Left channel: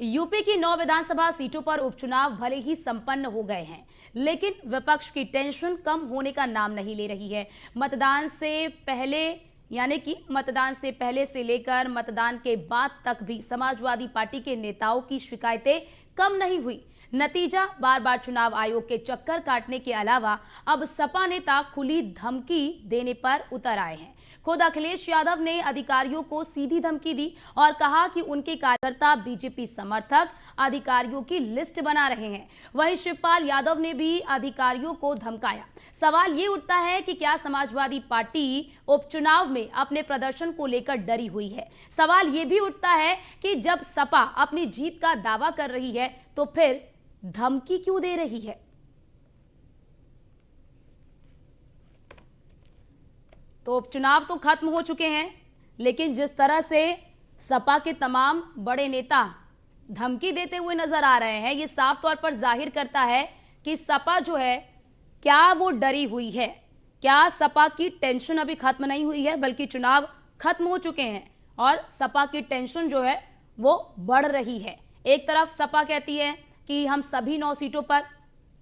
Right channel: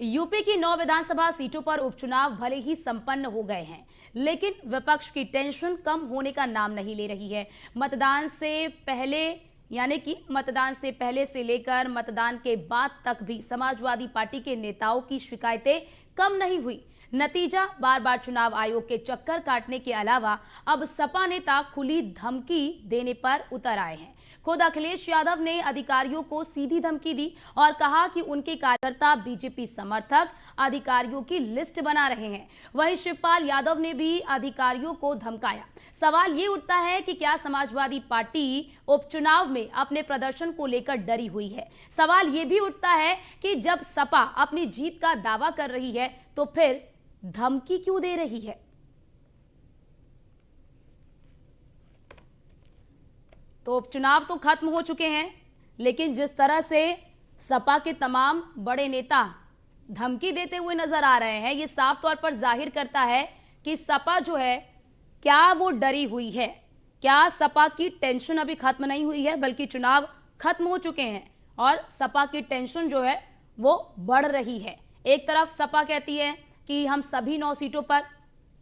UP की 9 विधानसभा सीटों पर उपचुनाव भले ही संपन्न हो गए हैं, लेकिन विपक्ष की टेंशन कम होने का नाम नहीं ले रही है। मतदान से पहले यानी कि मतदान से पहले से लेकर मतदान के बाद तक भी समाजवादी पार्टी के नेताओं की शिकायतें कम नहीं हुई। नतीजा बार बार चुनाव आयोग के चक्कर काटने के अलावा अब सपा नेता खुली धमकी देने पर उतर आए हैं। खुद अखिलेश यादव ने अधिकारियों को सीधी धमकी दी और कहा कि उनके कार्यकर्ता बीजेपी समर्थक अधिकारियों की लिस्ट बना रहे हैं। वहीं शिवपाल यादव ने भी अधिकारियों को धमकाया। सवाल ये उठता है कि क्या समाजवादी पार्टी उपचुनाव में अपने प्रदर्शन को लेकर डरी हुई है। सवाल ये भी उठता है कि जब सपा अपनी जीत का दावा कर रही है तो फिर धमकी क्यों दे रही है। तो उपचुनाव तो खत्म हो चुके हैं, लेकिन जिस तरह से सपा के तमाम बड़े नेता धमकी देते हुए नजर आ रहे हैं, ये साफ तौर पर जाहिर करता है कि सपा जो है क्या वो डरी हुई है। क्या सपा की टेंशन अभी खत्म नहीं हुई है, बल्कि चुनाव खत्म हो चुके हैं और सपा की टेंशन जो है वो बढ़ रही है। एक तरफ सपा कहती है कि हम सभी 9 सीटों पर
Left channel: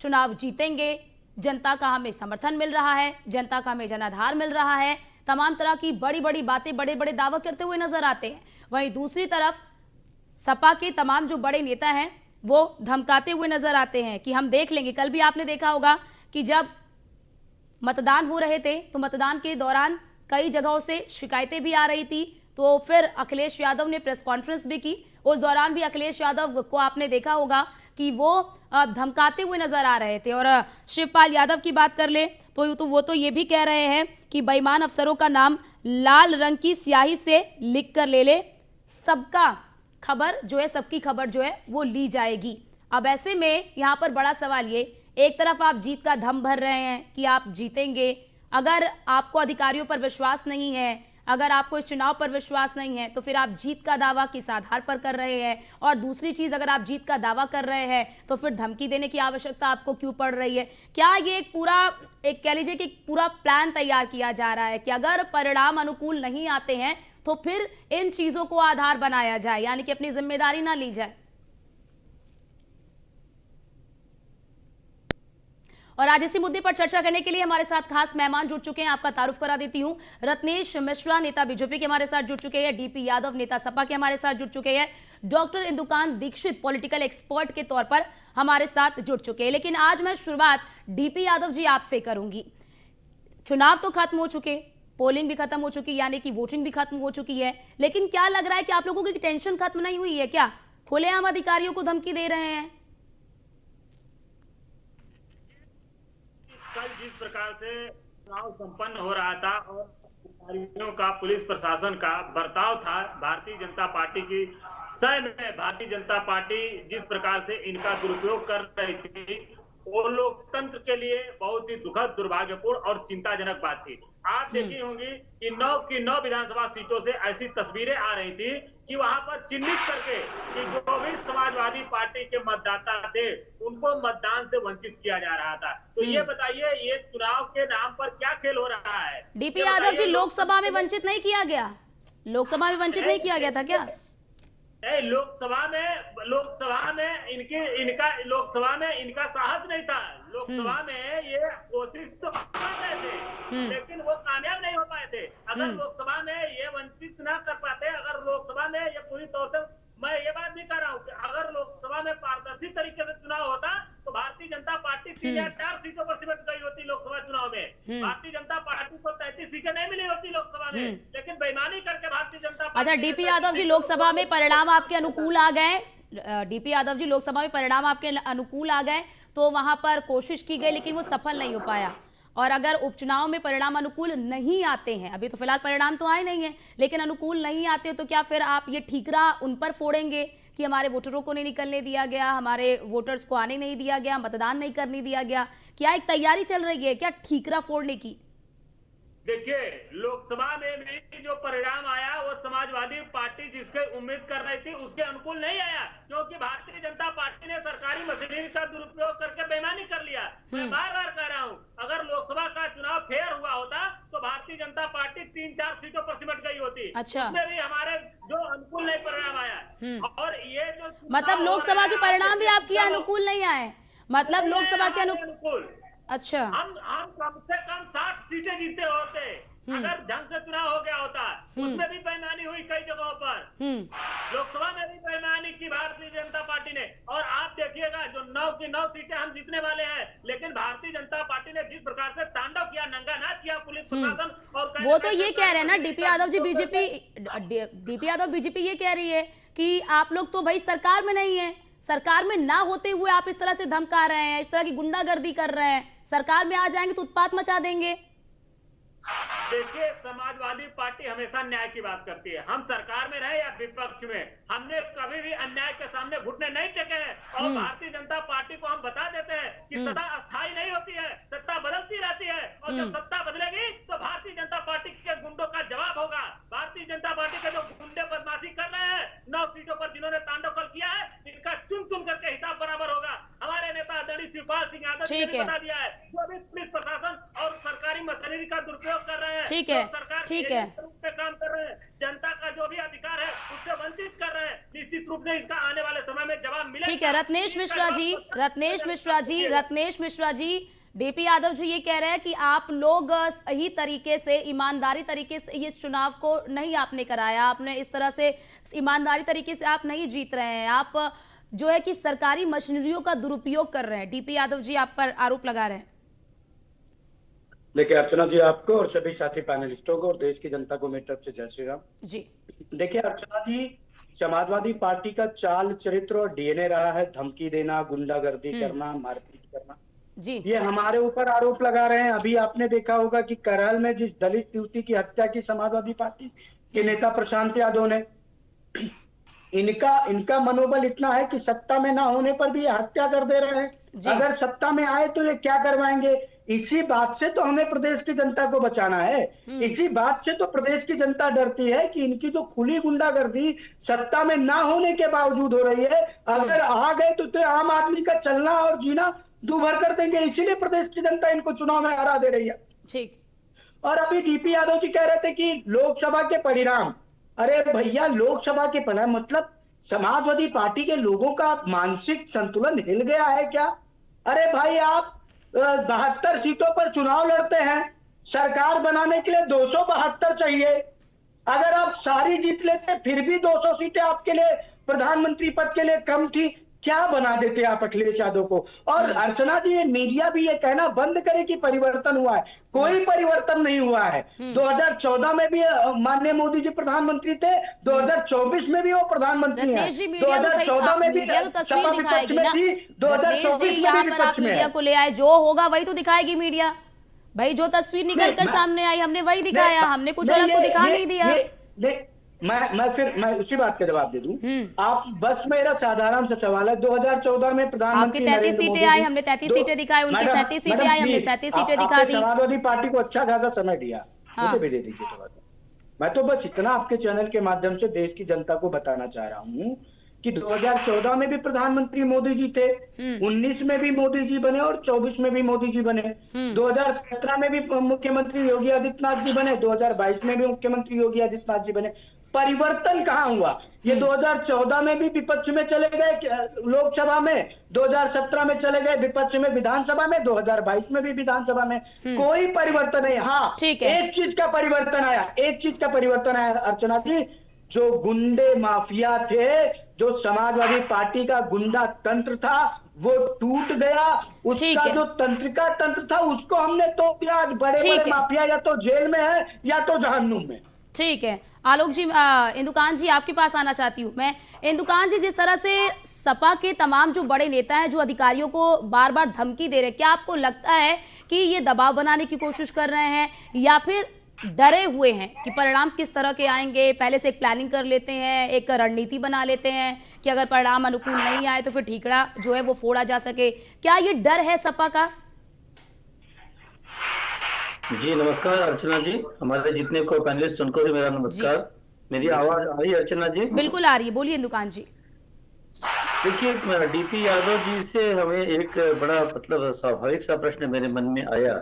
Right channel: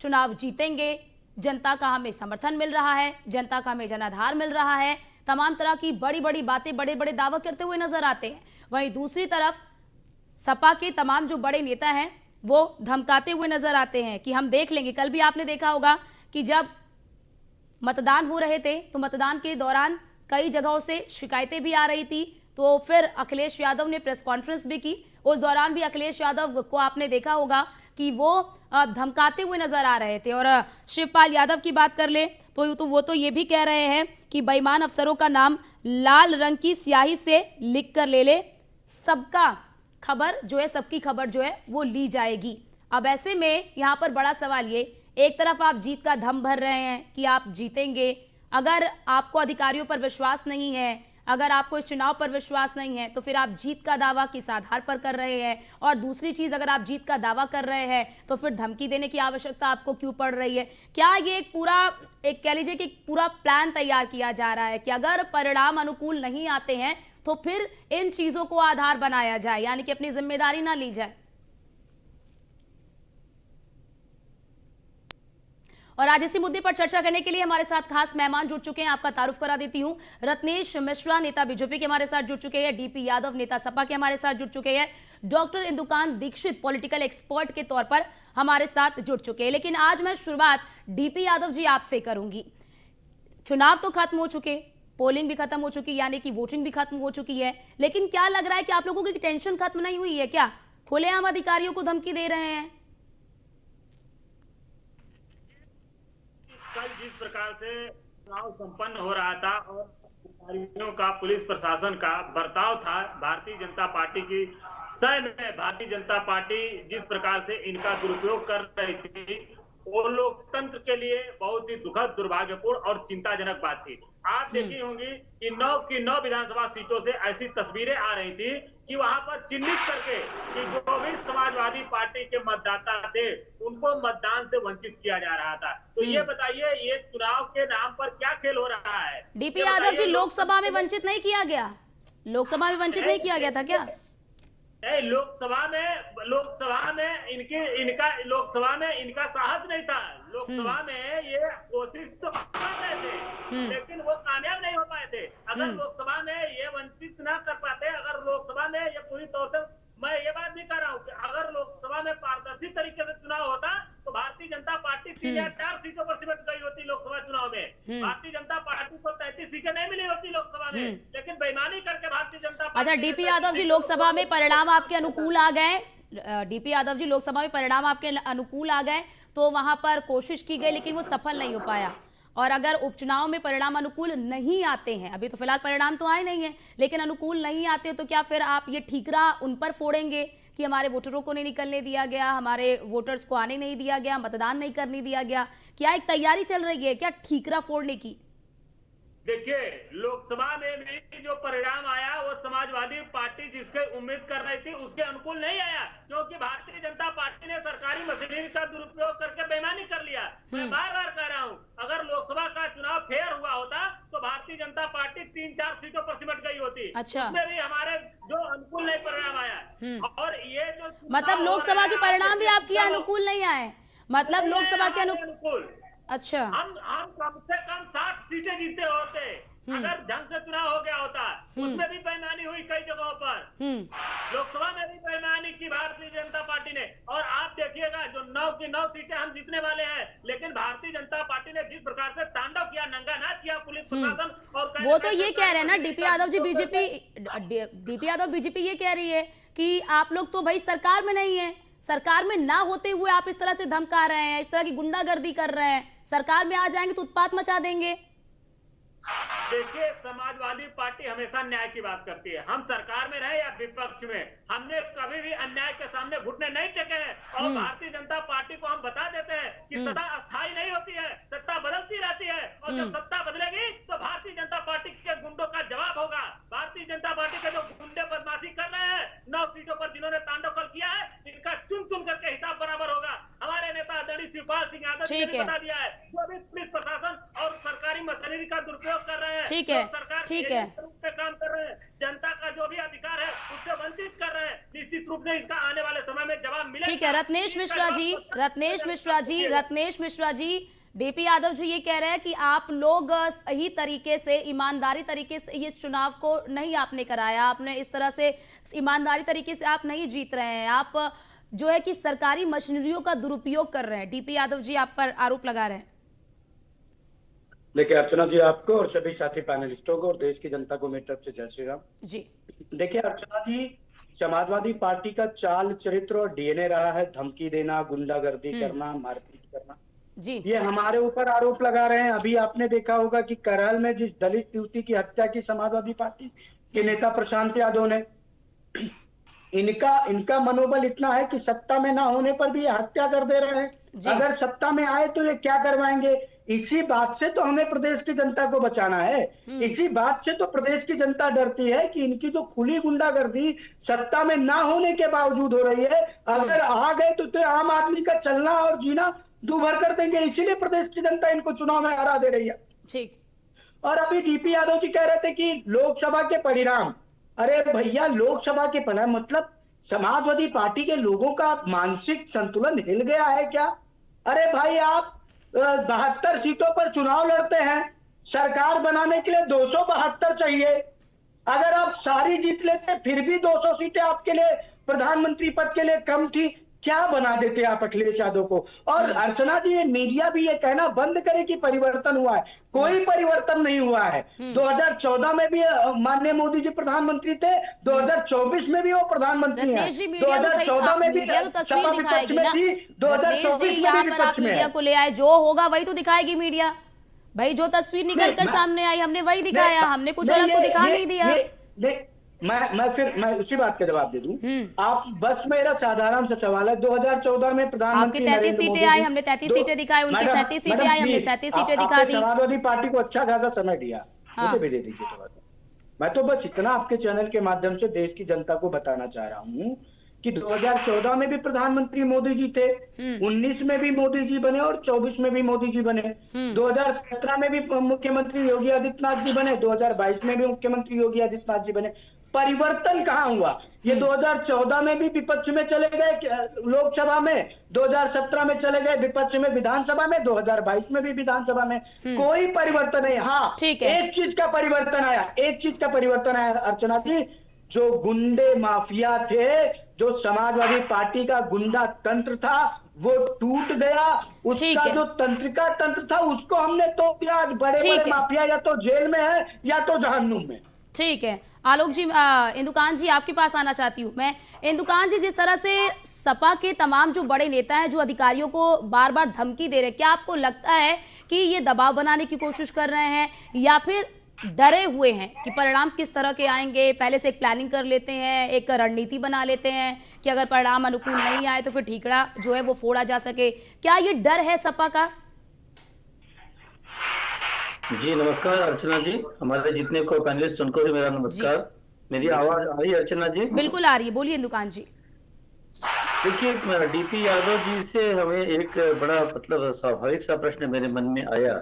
चुनाव जीतेंगे, जनता का हमें समर्थन मिल रहा है, जनता का हमें जनाधार मिल रहा है, तमाम तरह की बड़ी बड़ी बातें, बड़े बड़े दावा करते हुए नजर आते हैं। वहीं दूसरी तरफ सपा के तमाम जो बड़े नेता हैं वो धमकाते हुए नजर आते हैं कि हम देख लेंगे। कल भी आपने देखा होगा कि जब मतदान हो रहे थे तो मतदान के दौरान कई जगहों से शिकायतें भी आ रही थी, तो फिर अखिलेश यादव ने प्रेस कॉन्फ्रेंस भी की। उस दौरान भी अखिलेश यादव को आपने देखा होगा कि वो धमकाते हुए नजर आ रहे थे। और शिवपाल यादव की बात कर ले तो वो तो ये भी कह रहे हैं कि बेईमान अफसरों का नाम लाल रंग की स्याही से लिख कर ले, सबका खबर जो है, सबकी खबर जो है वो ली जाएगी। अब ऐसे में यहाँ पर बड़ा सवाल ये, एक तरफ आप जीत का दम भर रहे हैं कि आप जीतेंगे, अगर आपको अधिकारियों पर विश्वास नहीं है, अगर आपको इस चुनाव पर विश्वास नहीं है, तो फिर आप जीत का दावा किस आधार पर कर रहे हैं। और दूसरी चीज, अगर आप जीत का दावा कर रहे हैं तो फिर धमकी देने की आवश्यकता आपको क्यों पड़ रही है। क्या ये एक पूरा, एक कह लीजिए कि पूरा प्लान तैयार किया जा रहा है कि अगर परिणाम अनुकूल नहीं आते हैं तो फिर इन चीजों को आधार बनाया जाए, यानी कि अपनी जिम्मेदारी ना ली जाए। और आज इसी मुद्दे पर चर्चा करने के लिए हमारे साथ खास मेहमान जुड़ चुके हैं। आपका तारुफ करा देती हूं। रत्नेश मिश्रा नेता बीजेपी के हमारे साथ जुड़ चुके हैं, डीपी यादव नेता सपा के हमारे साथ जुड़ चुके हैं, डॉक्टर इंदुकान दीक्षित पॉलिटिकल एक्सपर्ट के तौर पर हमारे साथ जुड़ चुके हैं। लेकिन आज मैं शुरुआत डीपी यादव जी आपसे करूंगी। चुनाव तो खत्म हो चुके, पोलिंग भी खत्म हो चुकी, यानी कि वोटिंग भी खत्म हो चुकी है, लेकिन क्या लग रहा है कि आप लोगों की टेंशन खत्म नहीं हुई है क्या? खुलेआम अधिकारियों को धमकी दे रहे हैं। कल जिस प्रकार से चुनाव संपन्न हो रहा था और अधिकारियों का, पुलिस प्रशासन का बर्ताव था भारतीय जनता पार्टी की सह में, भारतीय जनता पार्टी जिस प्रकार से इनका दुरुपयोग कर रही थी, वो लोकतंत्र के लिए बहुत ही दुखद, दुर्भाग्यपूर्ण और चिंताजनक बात थी। आप देखी होंगी कि 9 विधानसभा सीटों से ऐसी तस्वीरें आ रही थी कि वहां पर चिन्हित करके कि जो भी समाजवादी पार्टी के मतदाता थे उनको मतदान से वंचित किया जा रहा था। तो ये बताइए, ये चुनाव के नाम पर क्या खेल हो रहा है? डीपी यादव जी, लोकसभा में वंचित नहीं किया गया? लोकसभा में वंचित नहीं किया गया था क्या? लोकसभा में इनका साहस नहीं था। लोकसभा में ये कोशिश तो कर रहे थे, लेकिन वो कामयाब नहीं हो पाए थे। अगर लोकसभा में ये वंचित ना कर पाते, अगर लोकसभा में ये पूरी तौर से, मैं ये बात नहीं कर रहा हूँ कि अगर लोकसभा में पारदर्शी तरीके से चुनाव होता तो भारतीय जनता पार्टी 3 या 4 सीटों पर सिमट गई होती लोकसभा चुनाव में। भारतीय जनता पार्टी को 33 सीटें नहीं मिली होती लोकसभा में, लेकिन बेईमानी करके भारतीय जनता पार्टी। अच्छा, डीपी यादव जी, लोकसभा में परिणाम आपके अनुकूल आ गए, डीपी यादव जी लोकसभा में परिणाम आपके अनुकूल आ गए तो वहां पर कोशिश की गई लेकिन वो सफल नहीं हो पाया। और अगर उपचुनाव में परिणाम अनुकूल नहीं आते हैं, अभी तो फिलहाल परिणाम तो आए नहीं है, लेकिन अनुकूल नहीं आते तो क्या फिर आप ये ठीकरा उन पर फोड़ेंगे कि हमारे वोटरों को नहीं निकलने दिया गया, हमारे वोटर्स को आने नहीं दिया गया, मतदान नहीं करने दिया गया? क्या एक तैयारी चल रही है क्या ठीकरा फोड़ने की? देखिए, लोकसभा में भी जो परिणाम आया वो समाजवादी पार्टी जिसके उम्मीद कर रही थी उसके अनुकूल नहीं आया, क्योंकि भारतीय जनता पार्टी ने सरकारी मशीनरी का दुरुपयोग करके बेईमानी कर लिया। मैं बार बार कह रहा हूँ, अगर लोकसभा का चुनाव फेयर हुआ होता तो भारतीय जनता पार्टी 3-4 सीटों पर सिमट गई होती। अच्छा। उसमें भी हमारे जो अनुकूल नहीं परिणाम आया। और ये जो मतलब लोकसभा के परिणाम भी आपके अनुकूल नहीं आए, मतलब लोकसभा के अनुकूल। अच्छा। हम कम से कम 60 सीटें जीते होते अगर ढंग से चुनाव हो गया होता। उसमें भी बेईमानी हुई कई जगहों पर। लोकसभा में भी बेईमानी की भारतीय जनता पार्टी ने। और आप देखिएगा जो 9 की 9 सीटें हम जीतने वाले हैं, लेकिन भारतीय जनता पार्टी ने जिस प्रकार से तांडव किया, नंगा नाच किया पुलिस प्रशासन और वो तो ये कह रहे हैं ना DP Yadav ji, DP Yadav BJP ये कह रही है कि आप लोग तो भाई सरकार में नहीं है, सरकार में ना होते हुए आप इस तरह से धमका रहे हैं, इस तरह की गुंडागर्दी कर रहे हैं, सरकार में आ जाएंगे तो उत्पात मचा देंगे। देखिए, समाजवादी पार्टी हमेशा न्याय की बात करती है। हम सरकार में रहे या विपक्ष में, हमने कभी भी अन्याय के सामने घुटने नहीं टेके हैं। और भारतीय जनता पार्टी को हम बता देते हैं कि सत्ता अस्थायी नहीं होती है, सत्ता बदलती रहती है। और जब सत्ता बदलेगी तो भारतीय जनता पार्टी के गुंडों का जवाब होगा। भारतीय जनता पार्टी के जो गुंडे बदमाशी कर रहे हैं 9 सीटों पर जिन्होंने तांडव कर किया है, इनका चुन चुन करके हिसाब बराबर होगा। हमारे नेता आदरणीय शिवपाल सिंह यादव जी ने बता दिया है, जो भी पुलिस प्रशासन और सरकारी मशीनरी का दुरुपयोग कर रहे हैं, ठीक है, ठीक है, पे काम कर रहे हैं, जनता का जो भी अधिकार है उससे वंचित कर रहे हैं, निश्चित रूप से इसका आने वाले समय में जवाब मिलेगा। ठीक है रत्नेश मिश्रा जी, डीपी यादव जी ये कह रहे हैं कि आप लोग सही तरीके से, ईमानदारी तरीके से इस चुनाव को नहीं आपने कराया, आपने इस तरह से ईमानदारी तरीके से आप नहीं जीत रहे हैं, आप जो है कि सरकारी मशीनरियों का दुरुपयोग कर रहे हैं। डीपी यादव जी आप पर आरोप लगा रहे हैं। देखिए अर्चना जी, आपको और सभी साथी पैनलिस्टों को और देश की जनता को मेरी तरफ से जय श्री राम जी। देखिए अर्चना जी, समाजवादी पार्टी का चाल चरित्र और डीएनए रहा है धमकी देना, गुंडागर्दी करना, मारपीट करना जी। ये हमारे ऊपर आरोप लगा रहे हैं। अभी आपने देखा होगा कि करहल में जिस दलित युवती की हत्या की समाजवादी पार्टी के नेता प्रशांत यादव ने, इनका मनोबल इतना है कि सत्ता में ना होने पर भी ये हत्या कर दे रहे हैं। अगर सत्ता में आए तो ये क्या करवाएंगे। इसी बात से तो हमें प्रदेश की जनता को बचाना है। इसी बात से तो प्रदेश की जनता डरती है कि इनकी जो खुली गुंडागर्दी सत्ता में ना होने के बावजूद हो रही है, अगर आ गए तो आम आदमी का चलना और जीना दूभर कर देंगे। इसीलिए प्रदेश की जनता इनको चुनाव में हरा दे रही है। ठीक। और अभी डीपी यादव जी कह रहे थे कि लोकसभा के परिणाम, अरे भैया लोकसभा के परिणाम मतलब समाजवादी पार्टी के लोगों का मानसिक संतुलन हिल गया है क्या। अरे भाई आप 72 सीटों पर चुनाव लड़ते हैं, सरकार बनाने के लिए 272 चाहिए। अगर आप सारी जीत लेते फिर भी 200 सीटें आपके लिए प्रधानमंत्री पद के लिए कम थी, क्या बना देते आप अखिलेश यादव को। और अर्चना जी, ये मीडिया भी ये कहना बंद करे कि परिवर्तन हुआ है, कोई परिवर्तन नहीं हुआ है। 2014 में भी माननीय मोदी जी प्रधानमंत्री थे, 2024 में भी वो प्रधानमंत्री हैं, 2014 में भी सपा विपक्ष में थी, 2024 में भी विपक्ष में है। को ले आए, जो होगा वही तो दिखाएगी मीडिया भाई, जो तस्वीर निकल कर सामने आई हमने वही दिखाया, हमने कुछ अलग को दिखा नहीं दिया। मैं उसी बात का जवाब दे दूं। आप बस मेरा साधारण सा सवाल है, 2014 में प्रधानमंत्री 33 सीटें आई, हमने 33 सीटें दिखाई, उनकी 37 सीटें आई, हमने 37 सीटें दिखा दी। समाजवादी पार्टी को अच्छा खासा समय दिया, मुझे भी दे दीजिए थोड़ा सा। मैं तो बस इतना आपके चैनल के माध्यम से देश की जनता को बताना चाह रहा हूँ कि 2014 में भी प्रधानमंत्री मोदी जी थे, 19 में भी मोदी जी बने और 24 में भी मोदी जी बने, 2017 में भी मुख्यमंत्री योगी आदित्यनाथ जी बने, 2022 में भी मुख्यमंत्री योगी आदित्यनाथ जी बने। परिवर्तन कहाँ हुआ। ये 2014 में भी विपक्ष में चले गए लोकसभा में, 2017 में चले गए विपक्ष में विधानसभा में, 2022 में भी विधानसभा में। कोई परिवर्तन नहीं। हाँ, एक चीज का परिवर्तन आया, अर्चना जी, जो गुंडे माफिया थे, जो समाजवादी पार्टी का गुंडा तंत्र था वो टूट गया। उसका जो तंत्रिका तंत्र था उसको हमने तो दिया। बड़े माफिया या तो जेल में है या तो जहन्नुम में। ठीक है आलोक जी, इंदुकान जी आपके पास आना चाहती हूँ मैं। इंदुकान जी, जिस तरह से सपा के तमाम जो बड़े नेता हैं जो अधिकारियों को बार बार धमकी दे रहे हैं, क्या आपको लगता है कि ये दबाव बनाने की कोशिश कर रहे हैं या फिर डरे हुए हैं कि परिणाम किस तरह के आएंगे, पहले से एक प्लानिंग कर लेते हैं, एक रणनीति बना लेते हैं कि अगर परिणाम अनुकूल नहीं आए तो फिर ठीकरा जो है वो फोड़ा जा सके। क्या ये डर है सपा का? जी नमस्कार अर्चना जी, हमारे जितने को पैनलिस्ट उनको भी मेरा नमस्कार। मेरी आवाज आ रही है अर्चना जी? बिल्कुल आ रही है, बोलिए दुकान जी। देखिए डीपी यादव जी से हमें एक बड़ा मतलब स्वाभाविक सा प्रश्न मेरे मन में आया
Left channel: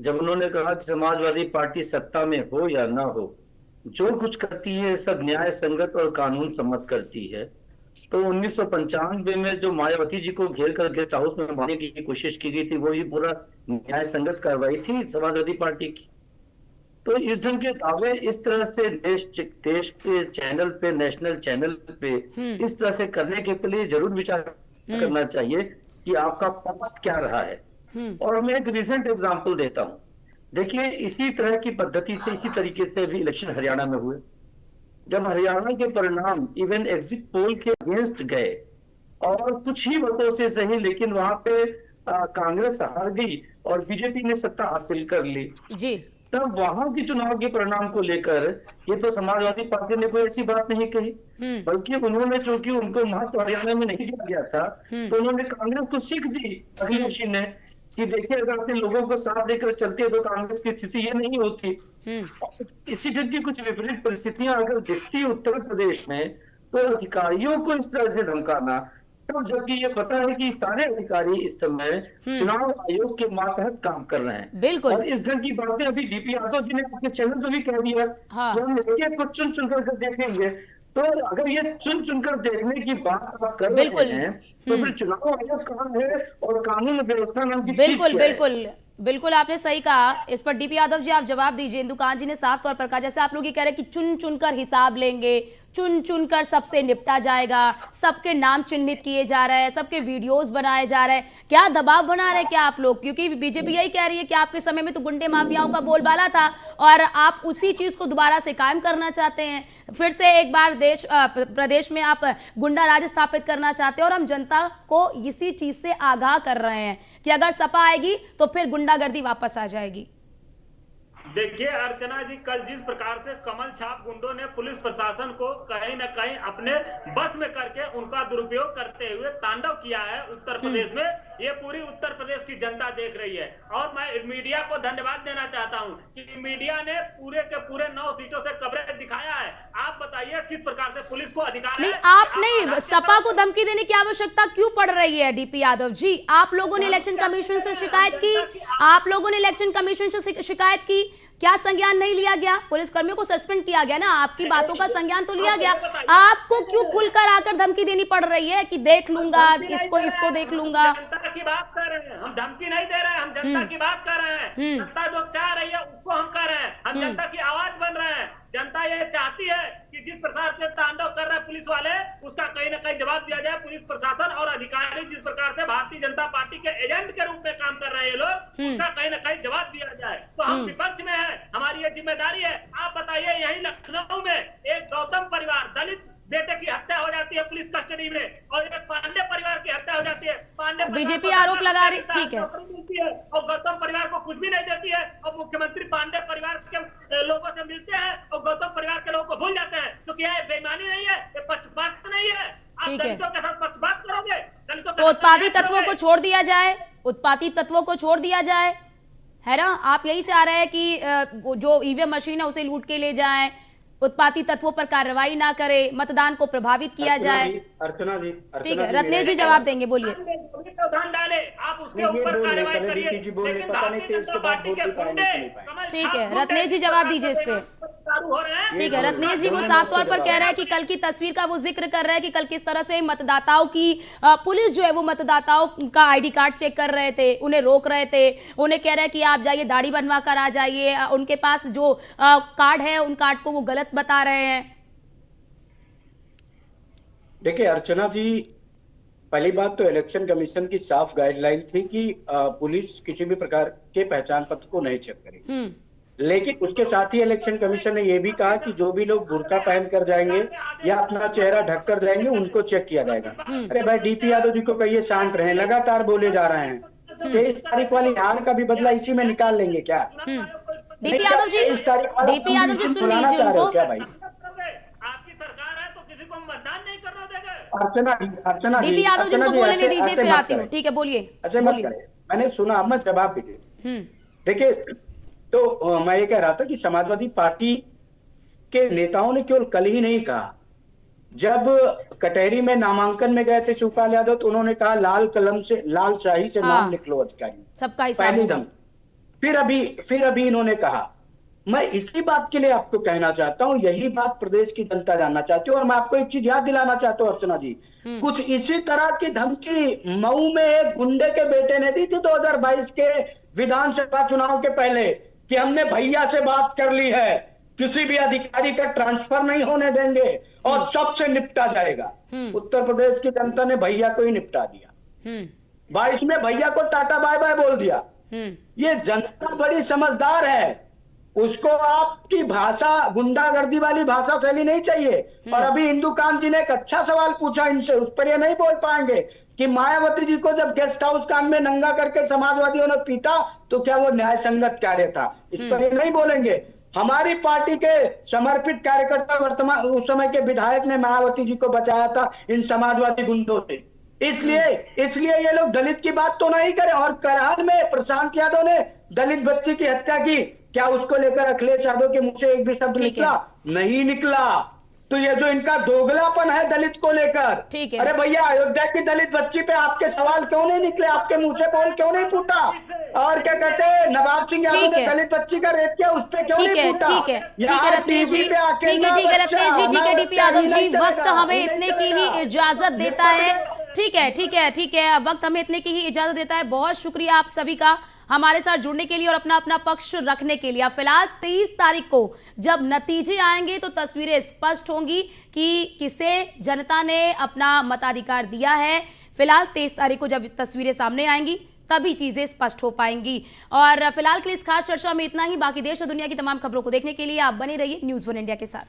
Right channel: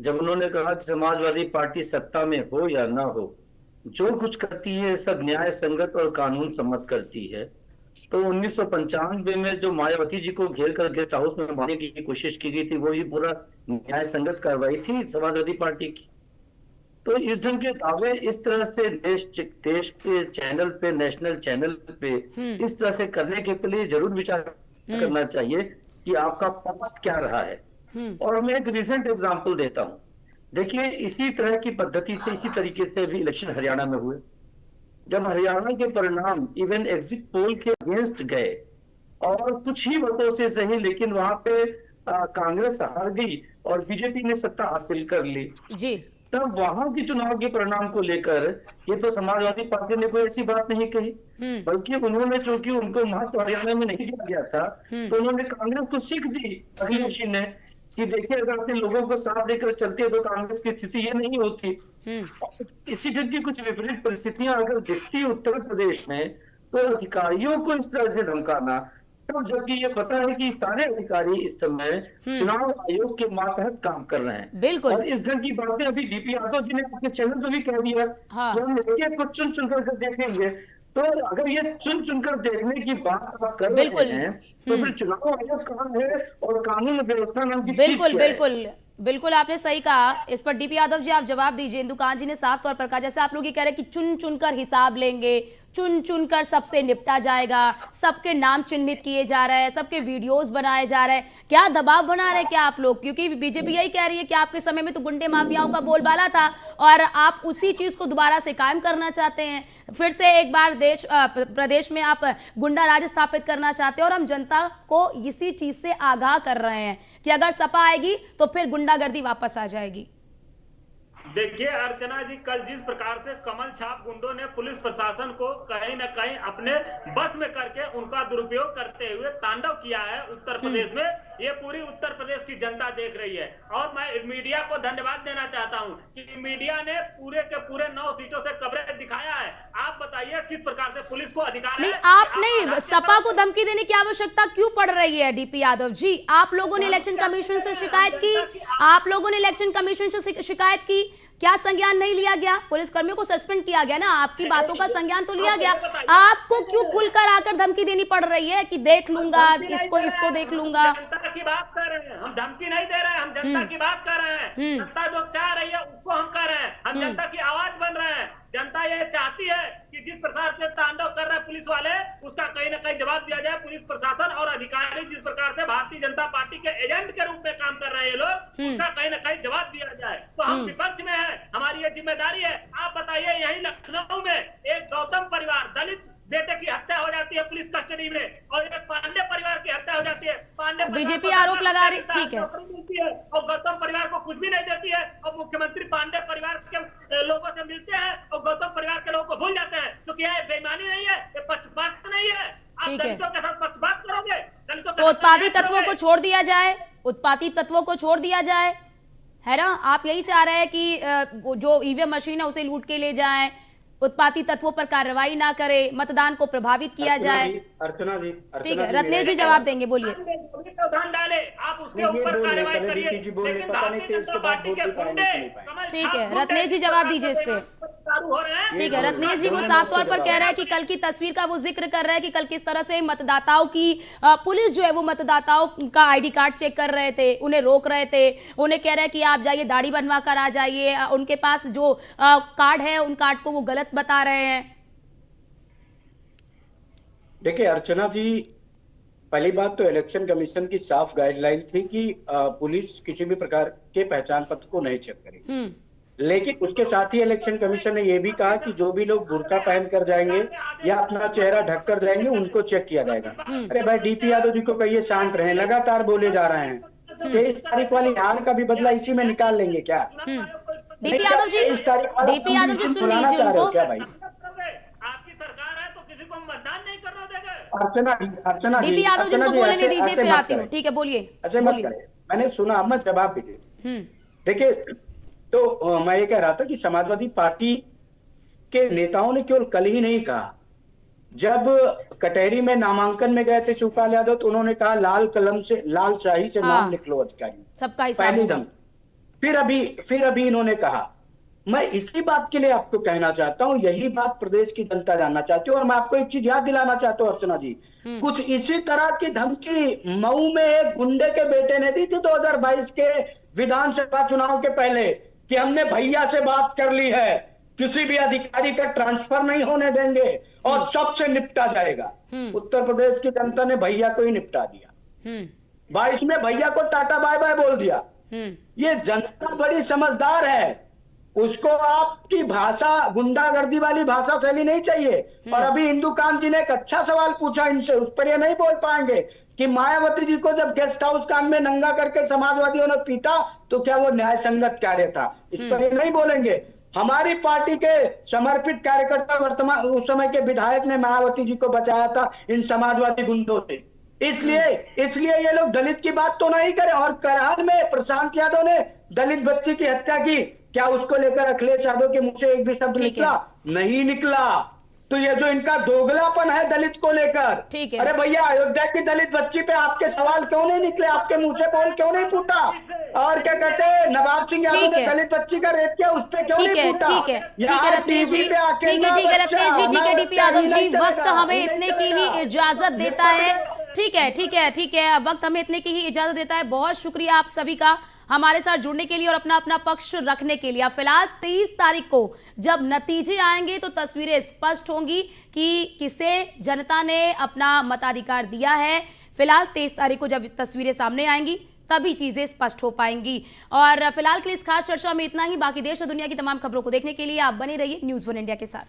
जब उन्होंने कहा कि समाजवादी पार्टी सत्ता में हो या ना हो, जो कुछ करती है सब न्याय संगत और कानून सम्मत करती है। तो 1995 में जो मायावती जी को घेर कर गेस्ट हाउस में मारने की कोशिश की गई थी, वो भी पूरा न्याय संगत कार्रवाई थी समाजवादी पार्टी की। तो इस ढंग के दावे इस तरह से देश के चैनल पे, नेशनल चैनल पे इस तरह से करने के लिए जरूर विचार करना चाहिए कि आपका पक्ष क्या रहा है। और मैं एक रिसेंट एग्जांपल देता हूँ। देखिए इसी तरह की पद्धति से, इसी तरीके से भी इलेक्शन हरियाणा में हुए। जब हरियाणा के परिणाम इवन एग्जिट पोल के अगेंस्ट गए और कुछ ही वोटों से सही, लेकिन वहां पे कांग्रेस हार गई और बीजेपी ने सत्ता हासिल कर ली जी। तब वहां के चुनाव के परिणाम को लेकर ये तो समाजवादी पार्टी ने कोई ऐसी बात नहीं कही, बल्कि उन्होंने, चूंकि उनको महत्व हरियाणा में नहीं दिया गया था, तो उन्होंने कांग्रेस को सीख दी अखिलेश ने कि देखिए अगर अपने लोगों को साथ लेकर चलते हैं तो कांग्रेस की स्थिति ये नहीं होती। इसी ढंग की कुछ विपरीत परिस्थितियां अगर दिखती उत्तर प्रदेश में, तो अधिकारियों को इस तरह से धमकाना, तो जबकि ये पता है कि सारे अधिकारी इस समय चुनाव आयोग के मातहत काम कर रहे हैं। बिल्कुल। और इस ढंग की बातें अभी डीपी यादव जी ने अपने चैनल पर भी कह दिया कि हम इसके को चुन चुनकर देखेंगे। तो अगर ये चुन चुनकर देखने की बात आप कर रहे हैं, तो फिर चुनाव आयोग कहाँ है और कानून व्यवस्था नाम की चीज क्या है? बिल्कुल बिल्कुल आपने सही कहा। इस पर डीपी यादव जी आप जवाब दीजिए। इंदुकान जी ने साफ तौर पर कहा, जैसे आप लोग ये कह रहे हैं कि चुन चुनकर हिसाब लेंगे, चुन चुनकर सबसे निपटा जाएगा, सबके नाम चिन्हित किए जा रहे हैं, सबके वीडियोस बनाए जा रहे हैं। क्या दबाव बना रहे हैं क्या आप लोग? क्योंकि बीजेपी यही कह रही है कि आपके समय में तो गुंडे माफियाओं का बोलबाला था और आप उसी चीज को दोबारा से कायम करना चाहते हैं। फिर से एक बार प्रदेश में आप गुंडा राज स्थापित करना चाहते हैं और हम जनता को इसी चीज से आगाह कर रहे हैं कि अगर सपा आएगी तो फिर गुंडागर्दी वापस आ जाएगी। देखिए अर्चना जी, कल जिस प्रकार से कमल छाप गुंडों ने पुलिस प्रशासन को कहीं न कहीं अपने बस में करके उनका दुरुपयोग करते हुए तांडव किया है उत्तर प्रदेश में, ये पूरी उत्तर प्रदेश की जनता देख रही है। और मैं मीडिया को धन्यवाद देना चाहता हूं कि मीडिया ने पूरे के पूरे 9 सीटों से कवरेज दिखाया है। आप बताइए किस प्रकार से पुलिस को अधिकार नहीं, आप नहीं, सपा को धमकी देने की आवश्यकता क्यों पड़ रही है डीपी यादव जी? आप लोगों ने इलेक्शन कमीशन से शिकायत की, आप लोगों ने इलेक्शन कमीशन से शिकायत की, क्या संज्ञान नहीं लिया गया? पुलिस कर्मियों को सस्पेंड किया गया ना, आपकी बातों का संज्ञान तो लिया गया। आपको क्यों खुलकर आकर धमकी देनी पड़ रही है कि देख लूंगा इसको देख लूंगा? जनता की बात कर रहे हैं हम, धमकी नहीं दे रहे हैं, हम जनता की बात कर रहे हैं। जनता जो चाह रही है उसको हम कर रहे हैं, हम जनता की आवाज बन रहे हैं। जनता ये चाहती है कि जिस प्रकार से तांडव कर रहे हैं पुलिस वाले, उसका कहीं ना कहीं जवाब दिया जाए। पुलिस प्रशासन और अधिकारी जिस प्रकार से भारतीय जनता पार्टी के एजेंट के रूप में काम कर रहे हैं लोग, उसका कहीं ना कहीं जवाब दिया जाए। तो हम विपक्ष में है, हमारी ये जिम्मेदारी है। आप बताइए, यही लखनऊ में एक गौतम परिवार दलित बेटे की हत्या हो जाती है पुलिस कस्टडी में, और एक पांडे परिवार की हत्या हो जाती है। पांडे बीजेपी आरोप लगा रही, ठीक है, और गौतम परिवार को कुछ भी नहीं देती है, और मुख्यमंत्री पांडे परिवार के लोगों से मिलते हैं और गौतम परिवार के लोगों को भूल जाते हैं। क्योंकि ये बेईमानी नहीं है, ये पक्षपात नहीं है। ठीक है, दलितों के साथ पक्षपात करोगे, तो उत्पादी तत्वों को छोड़ दिया जाए, उत्पादी तत्वों को छोड़ दिया जाए, है ना? आप यही चाह रहे हैं कि जो ईवीएम मशीन है उसे लूट के ले जाएं, उत्पाती तत्वों पर कार्रवाई ना करे, मतदान को प्रभावित किया जाए। अर्चना जी, ठीक है, रत्नेश जी जवाब देंगे, बोलिए। प्रावधान डाले, आप उसके ऊपर कार्रवाई करिए। लेकिन भारतीय जनता पार्टी के गुंडे, ठीक है, रत्नेश जी जवाब दीजिए इस पे। ठीक है, रत्नेश जी वो साफ तौर पर कह रहे हैं कि कल की तस्वीर का वो जिक्र कर रहे हैं कि कल किस तरह से मतदाताओं की पुलिस जो है वो मतदाताओं का आईडी कार्ड चेक कर रहे थे, उन्हें रोक रहे थे, उन्हें कह रहे हैं कि आप जाइए दाढ़ी बनवा कर आ जाइए, उनके पास जो कार्ड है उन कार्ड को वो गलत बता रहे हैं। देखिए अर्चना जी, पहली बात तो इलेक्शन कमीशन की साफ गाइडलाइन थी कि पुलिस किसी भी प्रकार के पहचान पत्र को नहीं चेक करेगी। लेकिन उसके साथ ही इलेक्शन कमीशन ने यह भी कहा कि जो भी लोग बुर्का पहन कर जाएंगे या अपना चेहरा ढक कर जाएंगे उनको चेक किया जाएगा। अरे भाई, डीपी यादव जी को कहिए शांत रहे, लगातार बोले जा रहे हैं। 23 तारीख वाली हार का भी बदला इसी में निकाल लेंगे क्या? डीपी यादव जी सुन लीजिए उनको। क्या भाई, आपकी सरकार है तो किसी को मतदान नहीं करने देगा। अर्चना डीपी यादव जी को बोलने दीजिए, फिर आती हूँ। ठीक है, बोलिए। ऐसे मत करें, मैंने सुना, अब मत जवाब दीजिए। देखिए तो मैं ये कह रहा था कि समाजवादी पार्टी के नेताओं ने केवल कल ही नहीं कहा, जब कटहरी में नामांकन में गए थे शिवपाल यादव तो उन्होंने कहा लाल कलम से, लाल शाही से नाम लिख लो अधिकारी, सबका हिसाब पहली होगा। दम। फिर अभी इन्होंने कहा। मैं इसी बात के लिए आपको कहना चाहता हूं, यही बात प्रदेश की जनता जानना चाहती है। और मैं आपको एक चीज याद दिलाना चाहता हूं अर्चना जी, कुछ इसी तरह की धमकी मऊ में एक गुंडे के बेटे ने दी थी 2022 के विधानसभा चुनाव के पहले, कि हमने भैया से बात कर ली है, किसी भी अधिकारी का ट्रांसफर नहीं होने देंगे और सबसे निपटा जाएगा। उत्तर प्रदेश की जनता ने भैया को ही निपटा दिया। 22 में भैया को टाटा बाय बाय बोल दिया। ये जनता बड़ी समझदार है, उसको आपकी भाषा, गुंडागर्दी वाली भाषा शैली नहीं चाहिए। और अभी इंदुकांत जी ने एक अच्छा सवाल पूछा इनसे, उस पर ये नहीं बोल पाएंगे कि मायावती जी को जब गेस्ट हाउस कांड में नंगा करके समाजवादियों ने पीटा तो क्या वो न्याय संगत कार्य था, इस पर ये नहीं बोलेंगे। हमारी पार्टी के समर्पित कार्यकर्ता वर्तमान उस समय के विधायक ने मायावती जी को बचाया था इन समाजवादी गुंडों से। इसलिए ये लोग दलित की बात तो नहीं करें। और करहल में प्रशांत यादव ने दलित बच्ची की हत्या की, क्या उसको लेकर अखिलेश यादव के मुंह से एक भी शब्द निकला? नहीं निकला। तो ये जो इनका दोगलापन है दलित को लेकर, अरे भैया अयोध्या की दलित बच्ची पे आपके सवाल क्यों नहीं निकले, आपके मुंह से बोल क्यों नहीं फूटा? और क्या कहते हैं नवाब सिंह यादव ने दलित बच्ची का रेप किया, उस पे क्यों नहीं फूटा? ठीक है रत्नेश जी, ठीक है डीपी यादव जी, वक्त हमें इतने की ही इजाजत देता है। ठीक है, वक्त हमें इतने की ही इजाजत देता है। बहुत शुक्रिया आप सभी का हमारे साथ जुड़ने के लिए और अपना पक्ष रखने के लिए। अब फिलहाल 23 तारीख को जब नतीजे आएंगे तो तस्वीरें स्पष्ट होंगी कि किसे जनता ने अपना मताधिकार दिया है। फिलहाल 23 तारीख को जब तस्वीरें सामने आएंगी तभी चीजें स्पष्ट हो पाएंगी। और फिलहाल के लिए इस खास चर्चा में इतना ही। बाकी देश और दुनिया की तमाम खबरों को देखने के लिए आप बने रहिए न्यूज़ 1 इंडिया के साथ।